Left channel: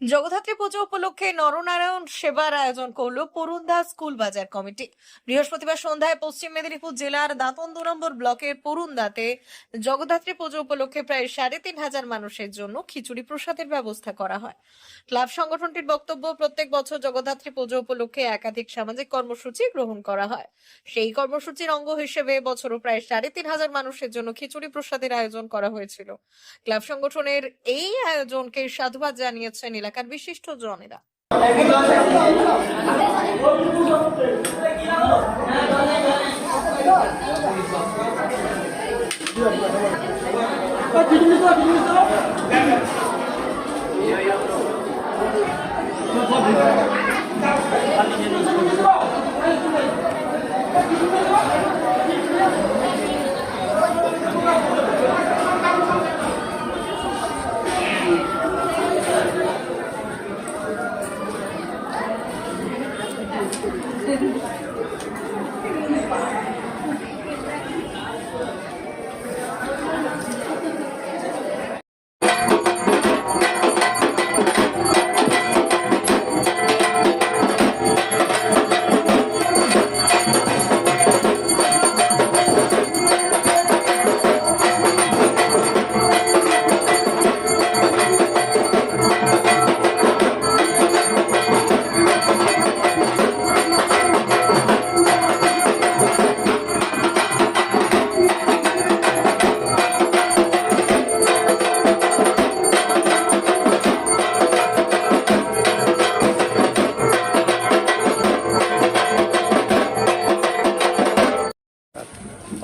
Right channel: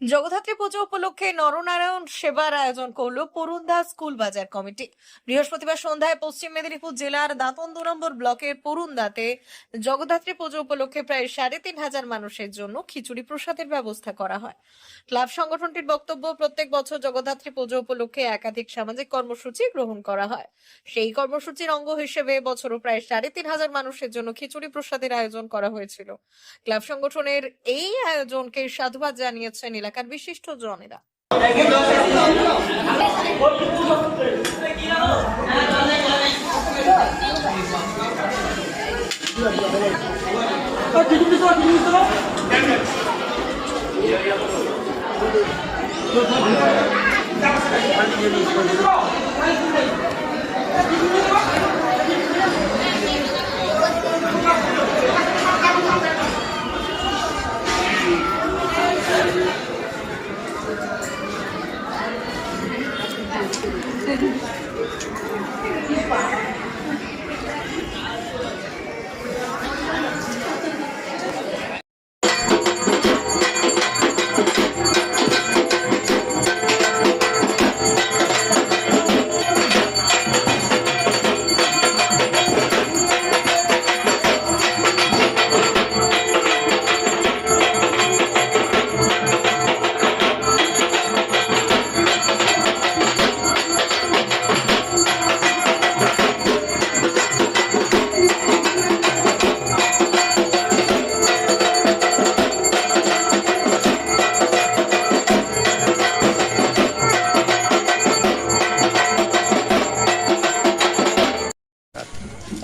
জগদ্ধাত্রী পুজো উপলক্ষে নরনারায়ণ সেবার আয়োজন করল পরুন্দা স্কুল বাজার কমিটি। বৃহস্পতিবার সন্ধ্যায় পশ্চিম মেদিনীপুর জেলার দাঁতন দু নম্বর ব্লকের পরুন্দাতে জগদ্ধাত্রী পুজো উপলক্ষে প্রায় সাড়ে তিন হাজার মানুষের জন্য খিচুড়ি প্রসাদের ব্যবস্থা করা হয়। ক্লাব সংগঠনটির বক্তব্য, প্রত্যেক বছর জগদ্ধাত্রী পুজো উপলক্ষে একাধিক সামাজিক কর্মসূচি গ্রহণ করা হয়। সেই কর্মসূচির অঙ্গ হিসেবে বছরও প্রায় সাড়ে তিন হাজার মানুষের জন্য খিচুড়ি প্রসাদের আয়োজন করা হয়েছিল। ক্লাব সংগঠনের এই আয়োজনকে সাধুবাদ জানিয়েছেন এলাকার বিশিষ্ট জনেরা।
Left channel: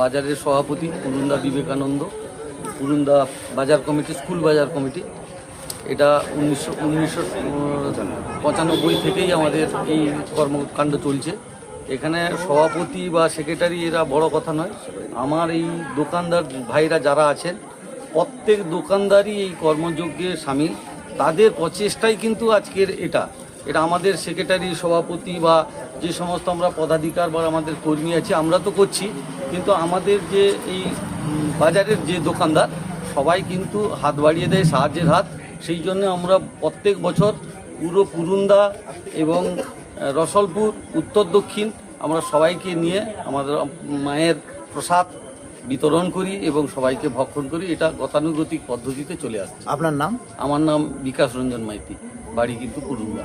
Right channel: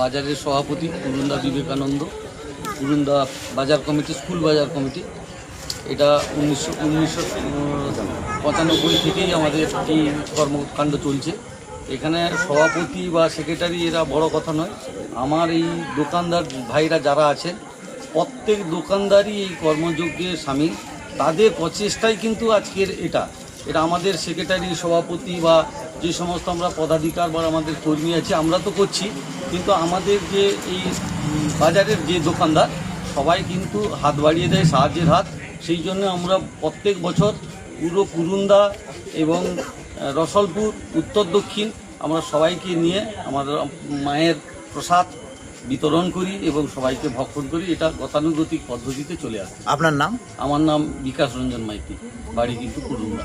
বাজারের সভাপতি পুরুন্দা বিবেকানন্দ, পুরুন্দা বাজার কমিটি, স্কুল বাজার কমিটি। এটা উনিশশো উনিশশো পঁচানব্বই থেকেই আমাদের এই কর্মকাণ্ড চলছে। এখানে সভাপতি বা সেক্রেটারি এরা বড় কথা নয়। আমার এই দোকানদার ভাইরা যারা আছেন, প্রত্যেক দোকানদারই এই কর্মযজ্ঞে সামিল। তাদের প্রচেষ্টাই কিন্তু আজকের এটা। এটা আমাদের সেক্রেটারি, সভাপতি বা যে সমস্ত আমরা পদাধিকার বা আমাদের কর্মী আছে, আমরা তো করছি। কিন্তু আমাদের যে এই বাজারের যে দোকানদার সবাই কিন্তু হাত বাড়িয়ে দেয় সাহায্যের হাত। সেই জন্য আমরা প্রত্যেক বছর পুরো কুরুন্দা এবং রসলপুর উত্তর দক্ষিণ আমরা সবাইকে নিয়ে আমাদের মায়ের প্রসাদ বিতরণ করি এবং সবাইকে ভক্ষণ করি। এটা গতানুগতিক পদ্ধতিতে চলে আসে আপনার নাম? আমার নাম বিকাশ রঞ্জন মাইতি বাড়ি কিন্তু পুরুন্দা।